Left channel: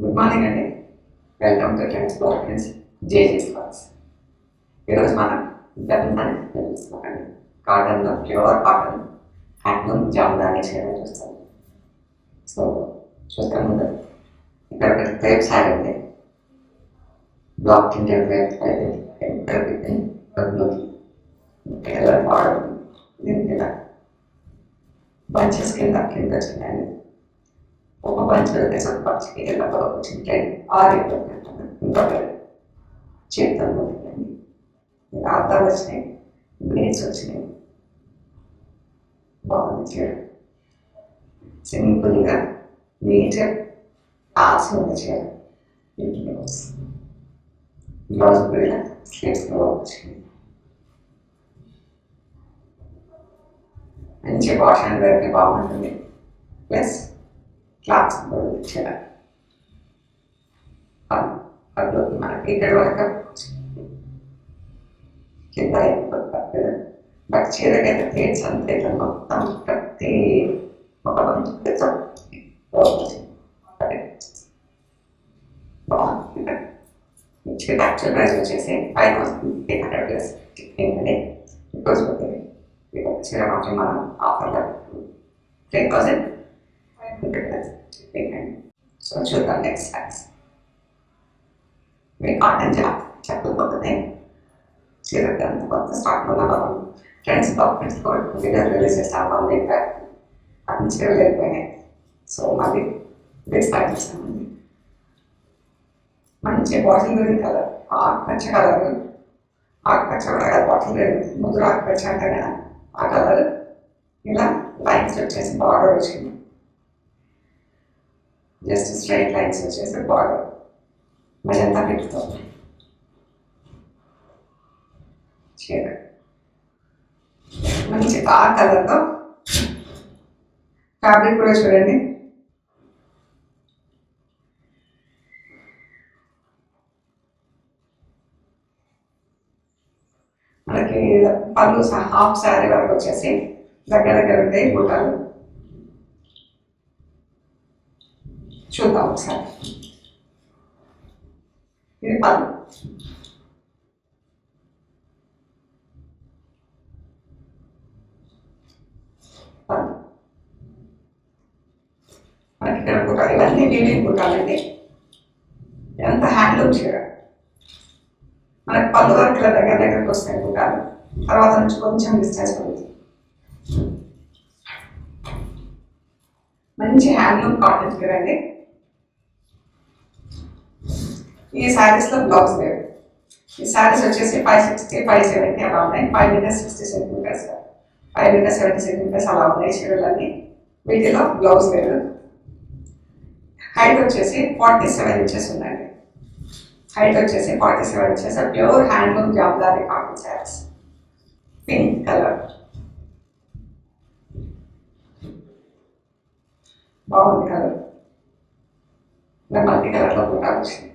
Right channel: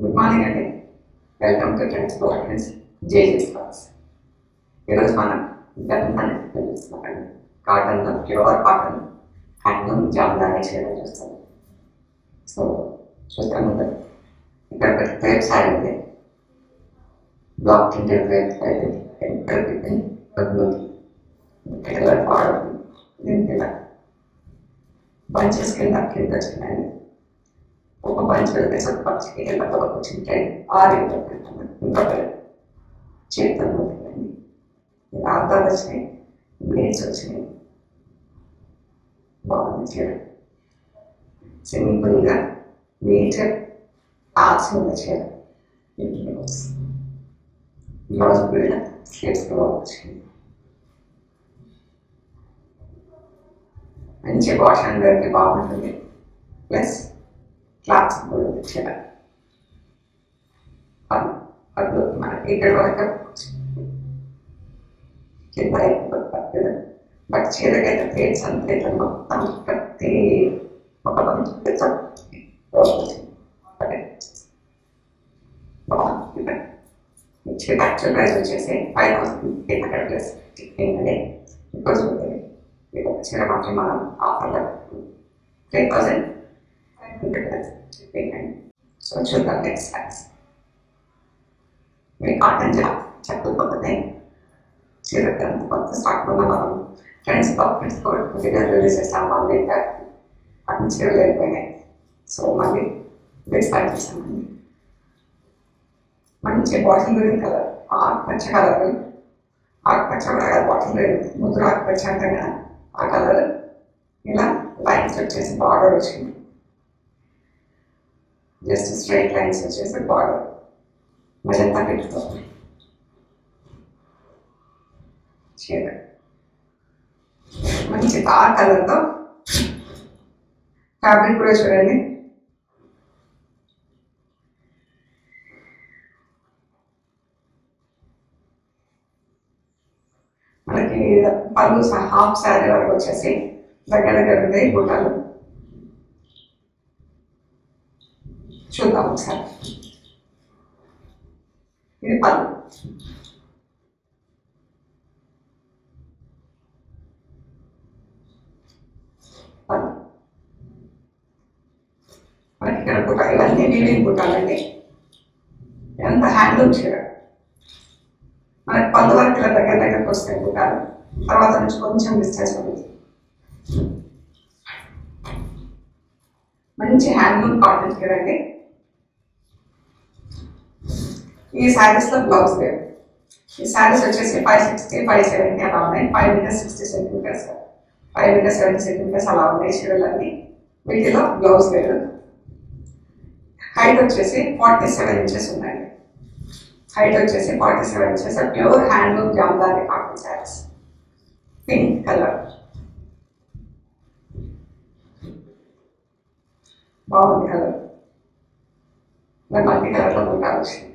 Good morning అండి. Welcome to trends governance జేజీస్ class. ఈరోజు మనం జరుగుతానికి చూస్తున్నామండి. కాటన్లో ప్యూర్ కాటన్ హ్యాండ్లూమ్ జామ్దాని చీర చూస్తాం. సో చూస్తే ముందు ఇక్కడ ఒక క్రేప్ శారీ ఉంది. బ్లాక్ ప్రింటెడ్ క్రేప్ అయితే ఇక్కడ పెట్టి డబ్బులు కలర్ బార్డర్ దీని కింద బంచెస్ కింద వచ్చిందండి. ఒక మంచి వేసి ఒక మంచికి ఇలా వచ్చింటే ఆరేళ్ళు ఇంకా చేతుల్లో పెట్టండి. ఇంకా అద్దాలు వచ్చినాయి, బ్లేడ్స్ వచ్చినాయి. బాగుంది చీర. సింపుల్గా నీట్గా కాల్సిన చీర. బ్లౌజ్ కూడా స్లీవ్స్లో వచ్చింది. మంచి వాష్ అండ్ వేర్కి బాగుంటుంది. ప్లస్ క్లాత్స్ కూడా ఇచ్చారు. అప్పుడు మనకి ఇక్కడ వరకు కింద అయిపోతుంది. బట్ చీరకైతే ప్లేట్స్ అంతే మొత్తం ప్రతి ఒక మంచి చీర యాక్చువల్ ప్రైస్ వచ్చేసి 5,300 ప్లస్ అండి. బికాస్ చీర మాత్రం మనం ఆఫర్లో 10%. So చూద్దాం నెక్స్ట్ క్లాస్. మీ కాటన్ జాబ్ చెప్పకపోతే చీర కొత్త స్టాక్లో మనం ఫ్రెండ్స్ డాక్యుమెంట్స్ కూడా రిలీజ్ చేస్తాము. అన్ని చీరలు వెళ్ళిపోయినాయి. సో మళ్ళీ స్టార్ట్ చేస్తామండి. మంచి బాటిల్ గ్రీన్ కలర్, ఆకుపచ్చ కలర్, ఆకుపచ్చ బాటిల్ గ్రీన్ ముదురు ఆకుపచ్చ అంటారు కదా ఆ కలర్. ఇలా లైన్స్ వచ్చేసి బార్డర్ వచ్చింది. జస్ట్ స్ట్రైట్ లైన్స్ వచ్చేసి బార్డర్ మజంతా పెట్టుకోవాలి. చీర మంచి డార్క్ కలర్తో ఫ్యాబ్రిక్ కూడా చూడండి. మనకి పళ్ళు హాఫ్ శారీ వరకు వచ్చేసి దగ్గర దగ్గర ఉంటాయి గుట్టాలు. చూద్దాం ఒకసారి. ఇది పళ్ళు. మనకి ఇక్కడ గుట్టాలు ఇవన్నీ వీవింగ్ గుట్టాలండి. ఇదంతా హ్యాండ్లూమ్ చీర. మనకి పళ్ళు వరకు ఇలా దగ్గర దగ్గరకు వస్తాయి గుట్టాలు. తర్వాత నుంచి కొంచెం డిస్టెన్స్ పడుతుంది. మంచి హ్యాండ్లూమ్ కాటన్ చీర అండి. ఈ శారీస్లో బ్లౌజ్ లేదు. ఈ శారీస్ వచ్చేసి 560, 570 అలా ఉన్నాయి. 5 మీటర్స్ 60 సెంటీమీటర్స్, 5 మీటర్స్ 70 సెంటీమీటర్స్ అలా ఉన్నాయి చీరలన్నీ. వీటిలో బ్లౌజ్ లేదు. హైట్ వచ్చేసి 47 ఇంచెస్ ఉందండి. హైట్ వచ్చేసి 47 inches. Pure handloom Jamdani cotton saris. Pink colour బాగుంది కలర్. మల్టీ కలర్లో కూడా వచ్చింది.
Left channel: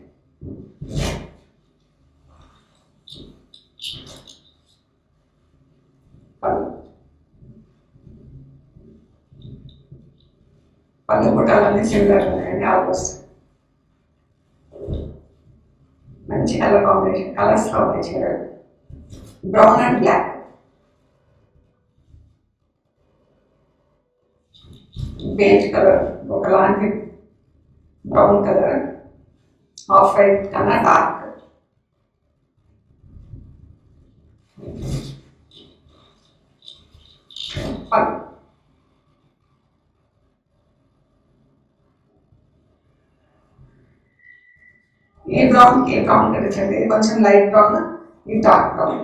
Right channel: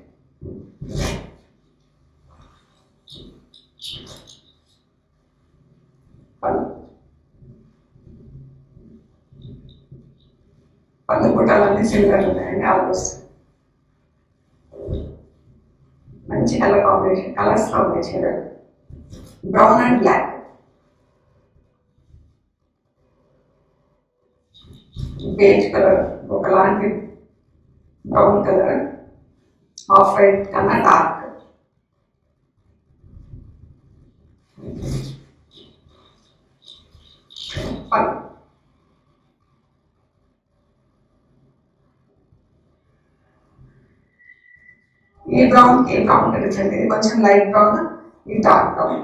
పళ్ళు పుట్టాలన్నీ సిమిలర్ ఉన్నాయండి. ఆల్మోస్ట్ మంచి కలర్ కాంబినేషన్, కలర్స్లో ఉంది చీర. Brown and black, beige colour, ఒకలాంటి బ్రౌన్ కలర్, ఆఫ్ వైట్ కన్నా డార్క్. ఈ బ్రౌన్ ఈ బ్రౌన్ కనిపించండి. ఇది కొంచెం లైట్ బ్రౌన్, ఇది డార్క్ బ్రౌన్.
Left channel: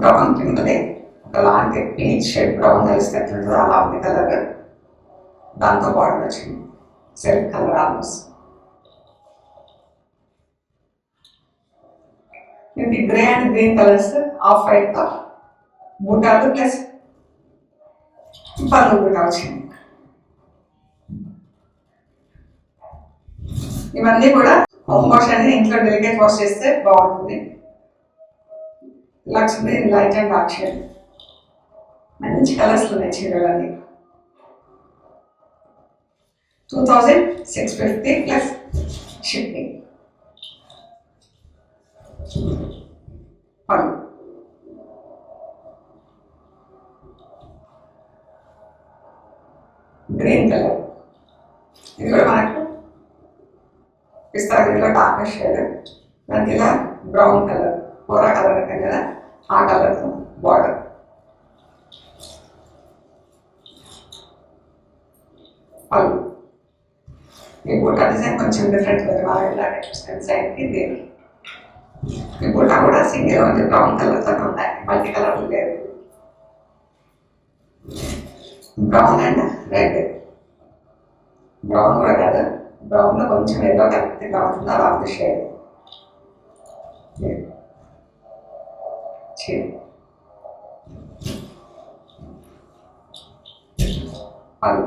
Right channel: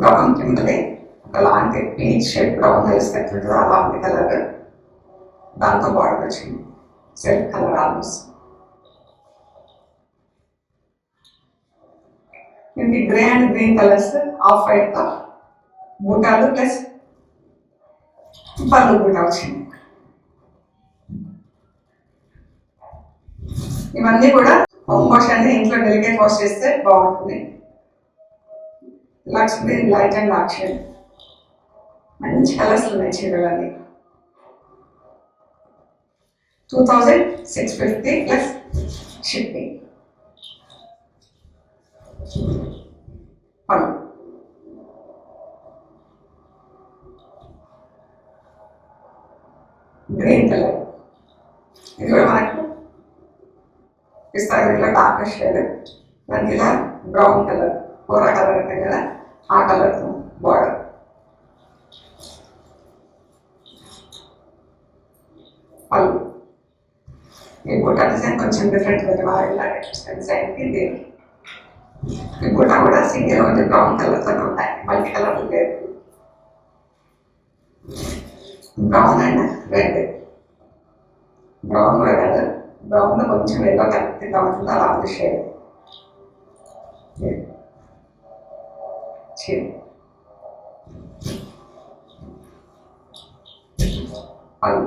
బ్రౌన్ కిందనే ఒకలాంటి పీచ్ షేడ్ బ్రౌన్ కలిసినట్టు అలాంటి కలర్. దాంతో బార్డర్ వచ్చింది. Self colour almost. ఇది grey and green colours, off white తో బూటాలు ప్లస్ పళ్ళు కూడా వచ్చింది. ఇవన్నీ కూడా హోమ్ వాష్ అనేది ఇంట్లో డెలికేట్ వాష్ చేస్తే బాగుంటుంది. Lux green light and dark shade. మంచి కలర్స్ ఉన్నాయి చీరలు అది 2650 ప్లస్ షిప్పింగ్. గ్రీన్ కలర్ ఇది కూడా మనకు పిస్తా గ్రీన్లో డార్క్ షేడ్, దానికి ఇలా బ్రౌన్ కలర్ కూర కలర్ ఉంటాయి కదా ఆ కలర్ బార్డర్. పళ్ళు ఈ బూటా డిజైన్ కొంచెం డిఫరెంట్ ఉంది, వాళ్ళ డిజైన్. ఈ బూటా కూడా సింగిల్ ఉంది, బ్రౌన్ కలర్తో ఉంటాయి, మల్టీ కలర్ లేదు. బ్రౌన్ అండ్ రెడ్, బ్రౌన్ కూడా కాదు, బ్రౌన్లో కొంచెం ఎల్లో కలర్గా ఉంటుంది అలా ఉంది షేడ్. పళ్ళు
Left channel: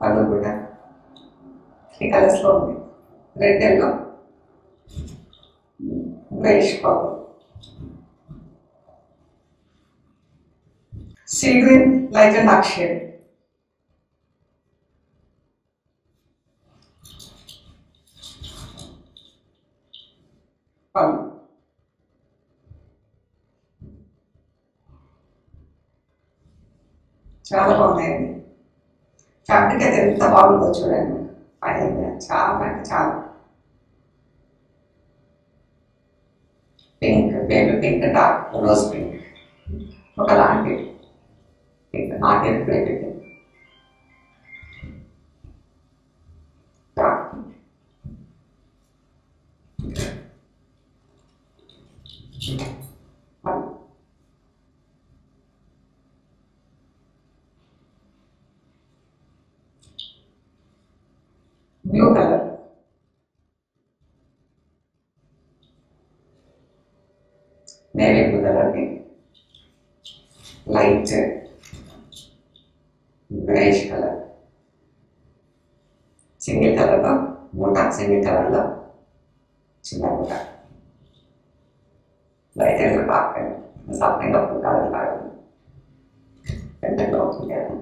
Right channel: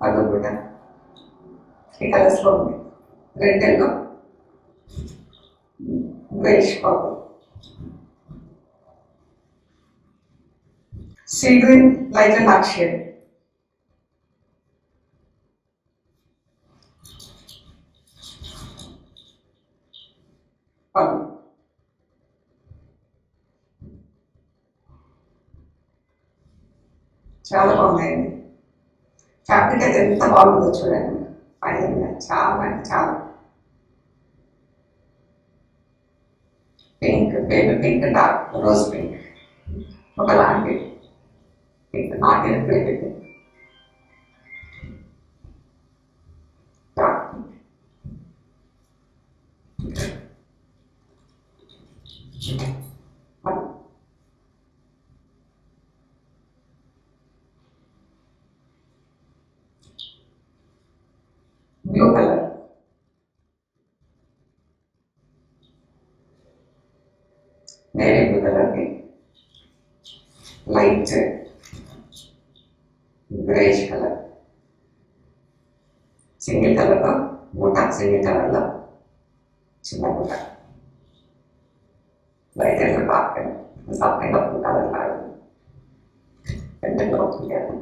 పళ్ళు కూడా 3 కలర్స్లో ఉంది, red yellow greyish purple. Sea green light and dark shade. చాలా బాగున్నాయండి. ఫ్యాబ్రిక్ అయితే ఎంత బాగుందో చూడండి, ఫైనల్గా చాలా అంటే చాలా. Pink, baby pink, dark rose pink, ఒకలాంటి pink, not even baby pink. Blue colour, navy blue colour, light greyish colour, single కలర్లో బూటా, సింగిల్ కలర్లో చిన్న బూటా, లైట్ ఎల్లో డార్క్ సపరేట్గా బ్లూ కలర్ కాదు పెద్దగా అవుతుంది అది.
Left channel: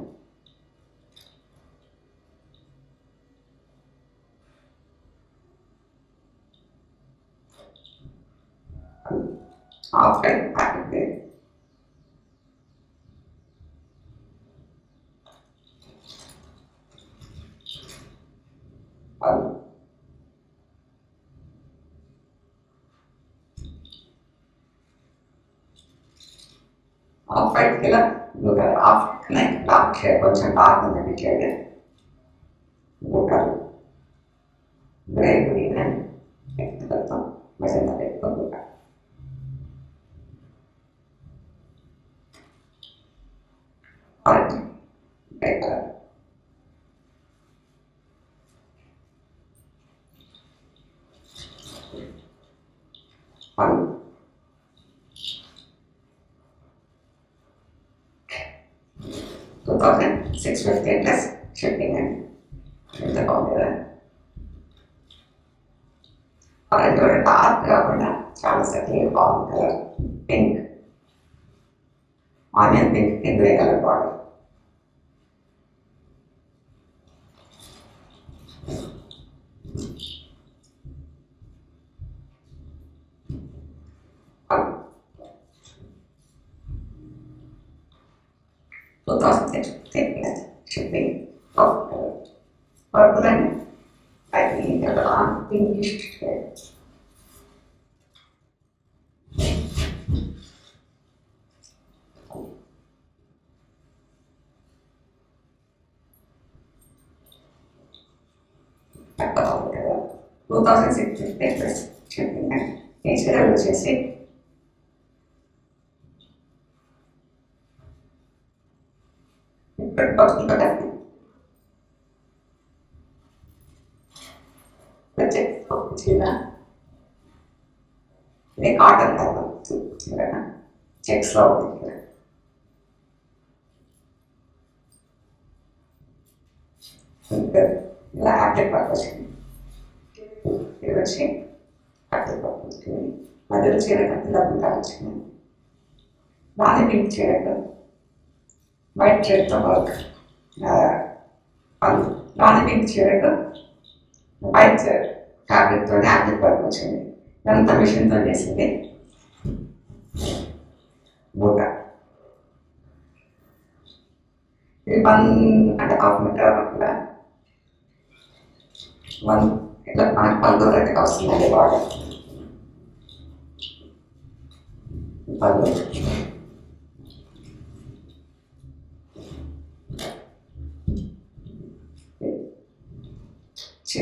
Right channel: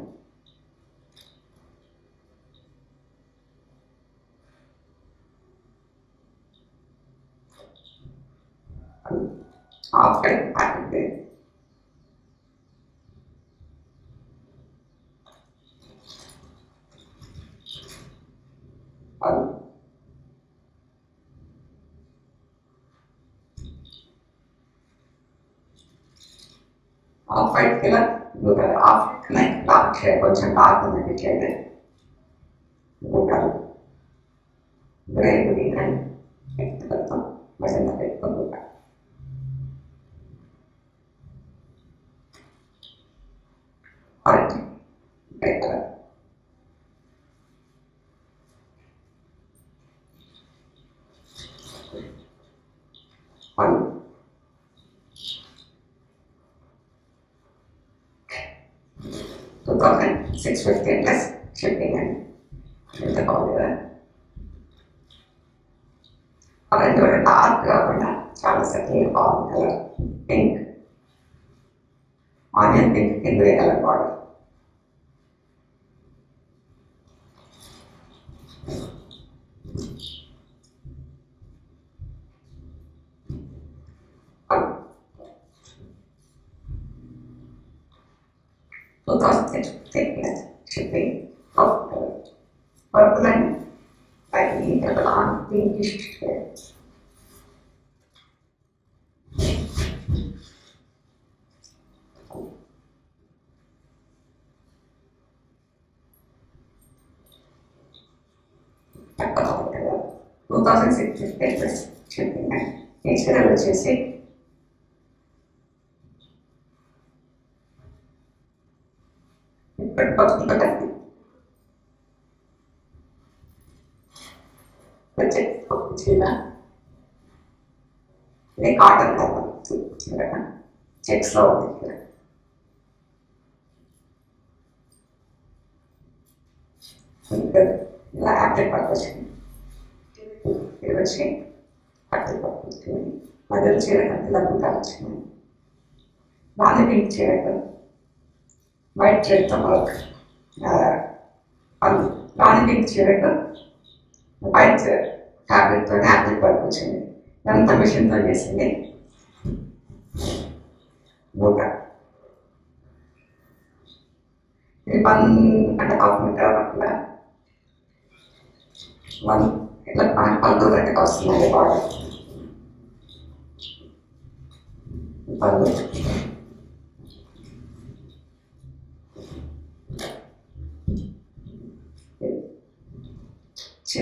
హాఫ్ కట్ ప్యాకెట్ పళ్ళు హాఫ్ వైట్ ఇలా blue colour, half like dark shade, కొంచెం డార్క్ ఉందండి shade. Blue colour, grey green and కలర్తో మెజంతా టైప్తో blue colour. White grey colour, పళ్ళు 2650 ప్లస్ షిప్పింగ్ అండి. ఎంత బాగుంది కదా. ఆరెంజ్ కూడా డార్క్ కాకుండా చాలా సటిల్గా బాగుంది కలర్. పింక్, ఆనియన్ పింక్ కి grey colour border. shipping of purple and packing it on pinkish red. Two thousand six papers shipping and HL వచ్చేసి ఇది కాటన్ చెక్స్ లో ఉంది. ఇలా యాప్లెట్ పట్టుకొచ్చింది, ఇది వచ్చి అట్లా పట్టుకొచ్చింది, మధ్యలో చీర కంటే డబ్బులు వచ్చింది. దాన్ని పింక్ చేయదు వైట్ థ్రెడ్తో వర్క్ దాన్ని పింక్ చేయదు వైట్ ఫ్యాబ్రిక్తో యాప్లిక్ వర్క్ వచ్చింది. ఇదంతా మిషన్తో చేసింది. బూట ఇది 1.5 మీటర్ కూడా 1 ఇట్లా మనకు 12 దగ్గర వస్తుంది బాడీ పళ్ళు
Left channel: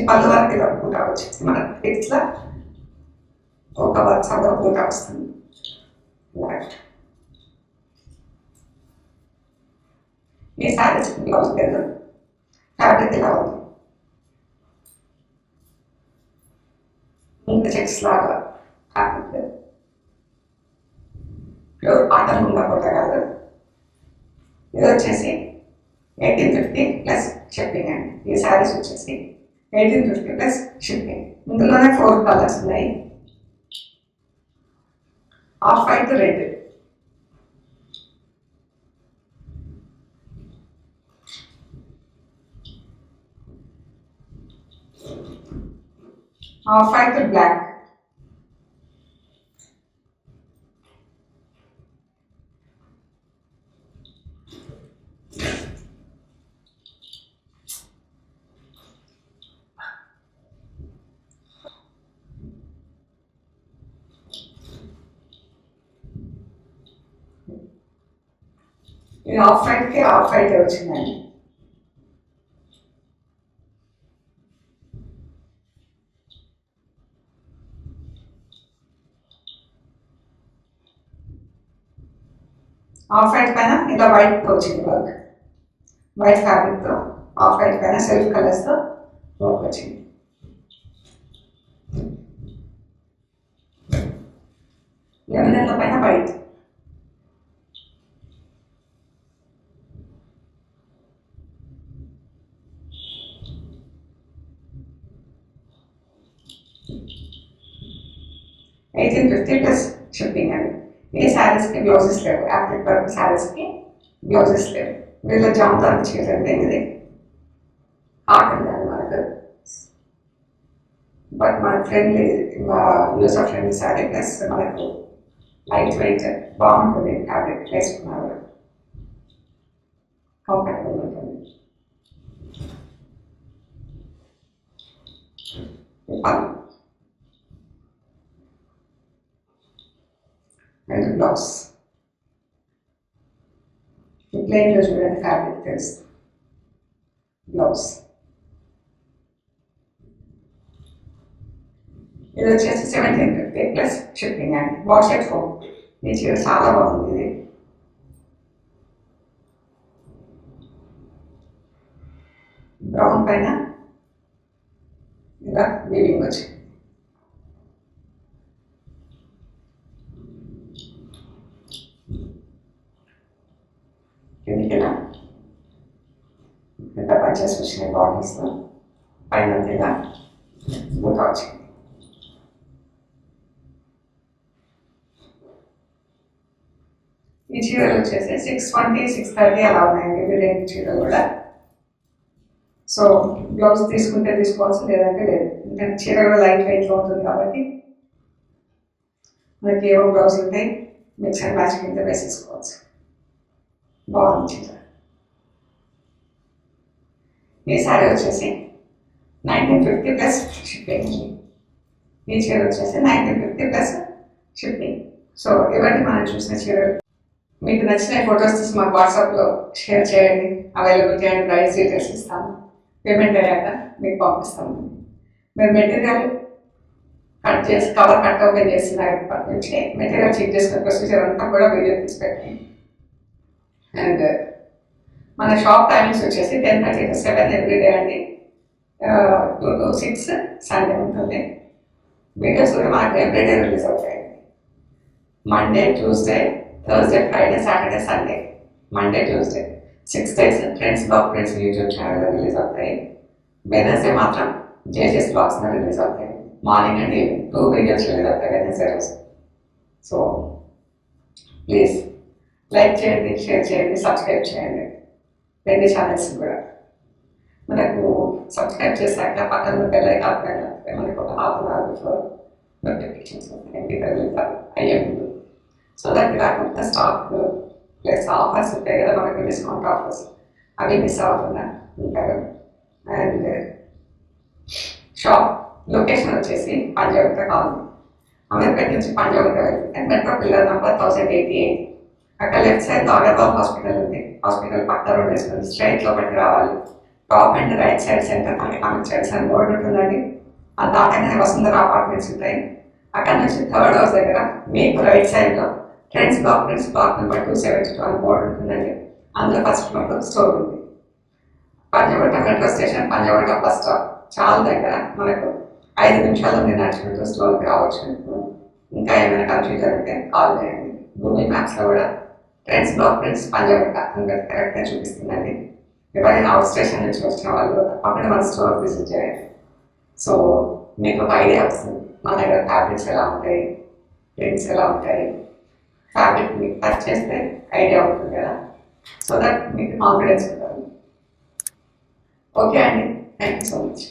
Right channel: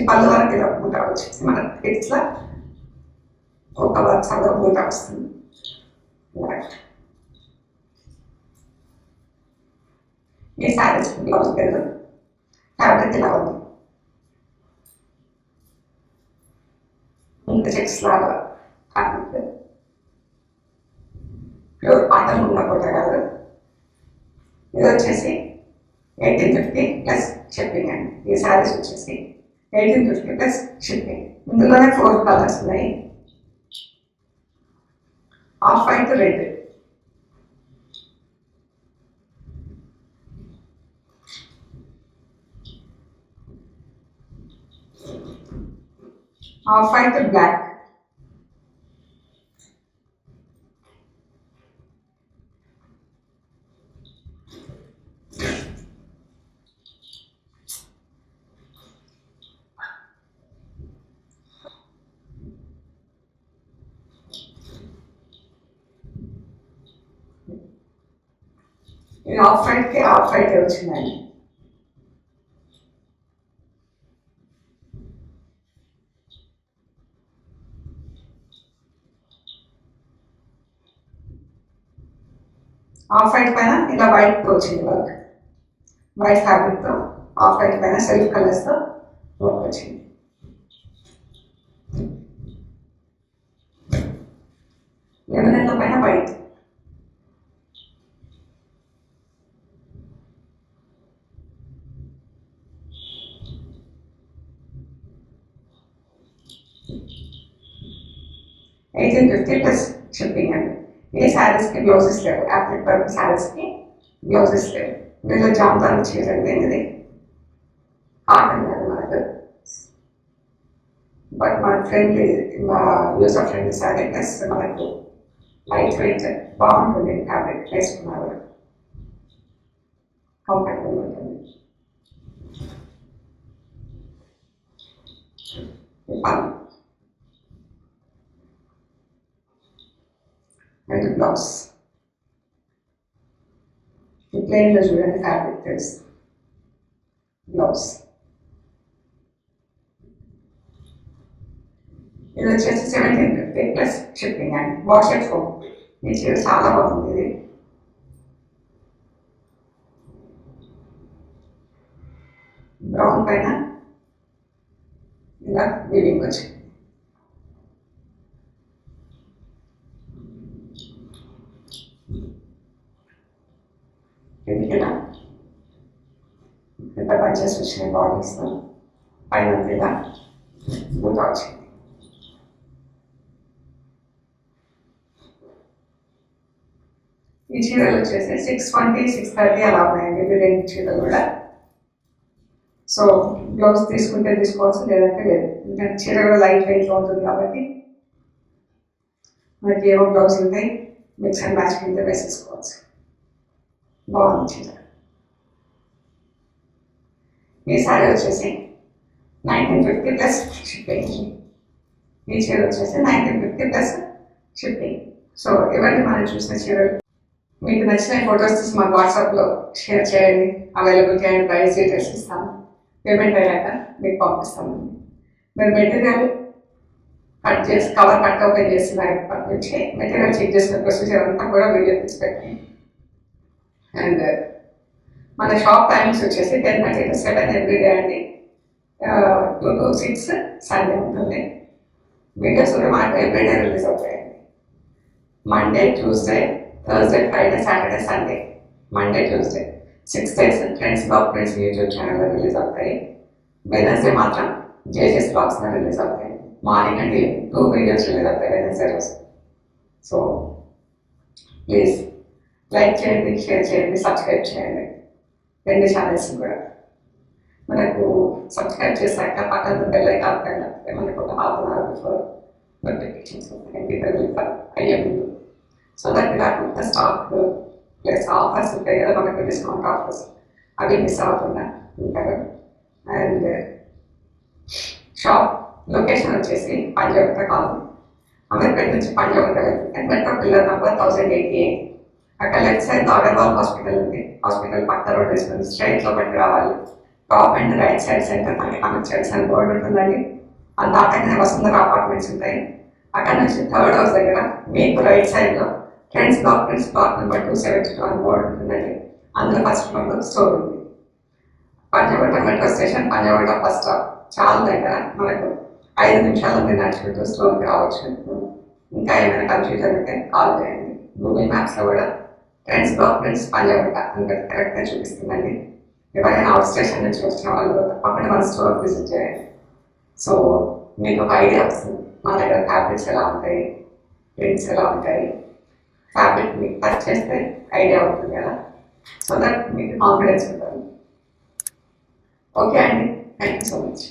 పళ్ళు వరకు ఇలా బూట వచ్చేసి మనకి ఇట్లా ఒక వర్క్ సగం బూట వస్తుంది. ఈ శారీస్ బ్లౌజ్ లేదు, ఫ్యాబ్రిక్ ఇలా ఉంది. ఇంకా చెక్స్ లాగా ఫ్యాబ్రిక్ ప్యూర్ కాటన్ ఉండకపోతే కాదు. ఇది వచ్చేసి 1850 ప్లస్ షిప్పింగ్ అండి. ఈ శారీస్ వచ్చేసి 1850 ప్లస్ షిప్పింగ్. ఇందులోనే 4 కలర్స్ ఉన్నాయి. Off white red, off white black, ఇది ఆఫ్ వైట్కి ఆఫ్ వైట్ వచ్చిందండి. ఆఫ్ వైట్ పైన ఇలా వైట్ వచ్చింది వర్క్, వైట్ ఫ్యాబ్రిక్తో ఆఫ్ వైట్ పైన సెల్ఫ్ కలర్స్తో వర్క్ వచ్చింది. లెమన్ పైన వైట్, $1850 ప్లస్ షిప్పింగ్ అండి. ఈ శారీస్కి బ్లౌజెస్ లేవు, యాప్లిక్ వర్క్ శారీస్కి బ్లౌజెస్ లేవు. వీళ్ళ జామ్దాని చీర అంటే ఇది కాటన్ కాదు మనకు, బట్ మన friendly use of friendly sari plus మనకు లైట్ వెయిట్ బాగుంటుంది. ఫ్యాబ్రిక్ వేసుకున్నారు కంఫర్టబుల్ ఉంటుంది. అండ్ బ్లౌజ్ ఈ ప్లెయిన్లో చూడండి ఫ్యాబ్రిక్ తెలుసు. బ్లౌజ్ ఇది వచ్చేసి 1750 ప్లస్ షిప్పింగ్ అండి. వాష్ చేసుకో, ఈ చీర చాలా బాగుంది. ఇది బ్రౌన్ పైన ఇలా వీవింగ్ వచ్చింది. ఇలా ఇంత పర్చేస్ వచ్చిన బాడీస్లో పైన ఇలా బూట వచ్చింది. ఈ చీరలు వచ్చేసి 620, 630 అలా ఉన్నాయండి. ఇవి 2 చీరలు కూడా. సో బ్లౌజ్ తీసుకుంటే తీసుకోవచ్చు, లేదంటే లేదు. ఎందుకంటే చీర కూడా లైట్ వెయిట్లో ఉంటుంది కాబట్టి మనకి ఏవో బ్లౌజ్ ఉంటాయి, మిక్స్ అండ్ మ్యాచ్ కింద వేసేసుకోవచ్చు. బాగుంది చీర. ఈ శారీ వచ్చేసి 1950 ప్లస్ షిప్పింగ్. ఈ చీర వచ్చేసి 1950 ప్లస్ షిప్పింగ్. సో ఇవన్నీ మనం చూసిన చీరలు. మీకు నచ్చిన ఫొటోస్ తీసి మాకు వాట్సాప్లో షేర్ చేయండి. అవైలబిలిటీ అండ్ ప్రైస్ డీటెయిల్స్ ఇస్తాము. పేమెంట్ అయ్యాక మీకు పంపిస్తాము. మీరు మెటీరియల్ కట్ చేసి కవర్ కట్ ఓపెన్ చేస్తున్నప్పటి నుంచి మెటీరియల్ చెక్ చేసిన ప్రొసీజర్ అంతా కూడా వీడియో తీసి పెట్టండి. అండ్ మన షాప్ టైమింగ్స్ వచ్చేసి 10:30 to 7 ఎవ్రీడే అండి. 2 to 6 సండే ఉంటుంది. వీడియోస్ కూడా మనకు ఎవ్రీడే రిలీజ్ అవుతాయి. Monday, Tuesday, Thursday, Friday, Saturday, Sunday. Monday, Tuesday 6 days friends blog friends YouTube ఛానల్లో రిలీజ్ అవుతాయి. వెనస్డే మాత్రం జేజెస్ బ్లాగ్స్లో రిలీజ్ అవుతాయి. Morning and evening 2 videos release అవుతాయి వెనస్డే రోజు. సో ప్లీజ్ లైక్ చేయండి, షేర్ చేయండి, సబ్స్క్రైబ్ చేయండి 2 ఛానల్స్ కూడా. మనకు సబ్స్క్రైబ్ చేశాక పక్కన బెల్ ఐకాన్ పైన మనకు ఒక half an hour before notifications వస్తాయి, అయ్యే ముందు. సో దట్ మీరు అక్కడ స్టాక్ ప్లస్ ఆఫర్స్ ఉంటాయి కదా మనకు, డిస్కౌంట్ ఆఫర్స్ అవి మిస్ అవ్వకుండా ఉంటారు. అండ్ షాప్ లొకేషన్ వచ్చేసి పంజాగుట్ట కాలనీ, అమీర్పేట నుంచి పంజాగుట్ట వెళ్తే మెట్రో పిల్లర్ నెంబర్ 1088. అక్కడ లెఫ్ట్ సైడ్ ఆడర్బాల్ హాస్పిటల్ ఉంది. హాస్పిటల్ పక్క రోడ్ వేసుకుని స్ట్రైట్ లోపలికి రావాలి. Top and right side centre economic studies అని బోర్డు ఉంటుందండి. ఆ దాటగానే వసుంధర అపార్ట్మెంట్స్ ఉంటాయి. అక్కడ నుంచి థర్డ్ హౌస్ దగ్గర మీకు రైట్ సైడ్లో ట్రెండ్స్ డాక్యుమెంట్స్ బ్లాక్ నెంబర్ 272 అని బోర్డు ఉంటుందండి. అందులో ఫస్ట్ ఫ్లోర్లో స్టోర్ ఉంది. Panjagutta metro station, Panjagutta bus stop చాలా దగ్గర, మనకు 5 నిమిషాల్లో మీరు నడుచుకుంటూ స్టోర్కి రావచ్చు. ఇంకా ఏమైనా కన్ఫ్యూజన్ ఉంటే కాల్ చేయండి. గూగుల్ మ్యాప్స్లో కూడా ట్రెండ్స్ డాక్యుమెంట్స్ పంజాగుట్ట అని కరెక్ట్గా చూపిస్తుందండి. ఎవరైనా అవుట్ స్టేషన్ నుంచి వచ్చిన వాళ్ళు తప్పకుండా మన స్టోర్ విజిట్ చేయండి. సో మీకు ఒక ఐడియా వస్తుంది మా దగ్గర ఫ్యాబ్రిక్స్ ఎలా ఉంటాయి, ప్రింట్స్ ఎలా ఉంటాయి. ఫ్యాబ్రిక్ మీకు టచ్ చేస్తే ఐడియా ఉంటుంది కదా, సో దట్ మీకు కాన్ఫిడెన్స్ ఉంటుంది. ఓకే అండి, థ్యాంక్ యూ సో మచ్.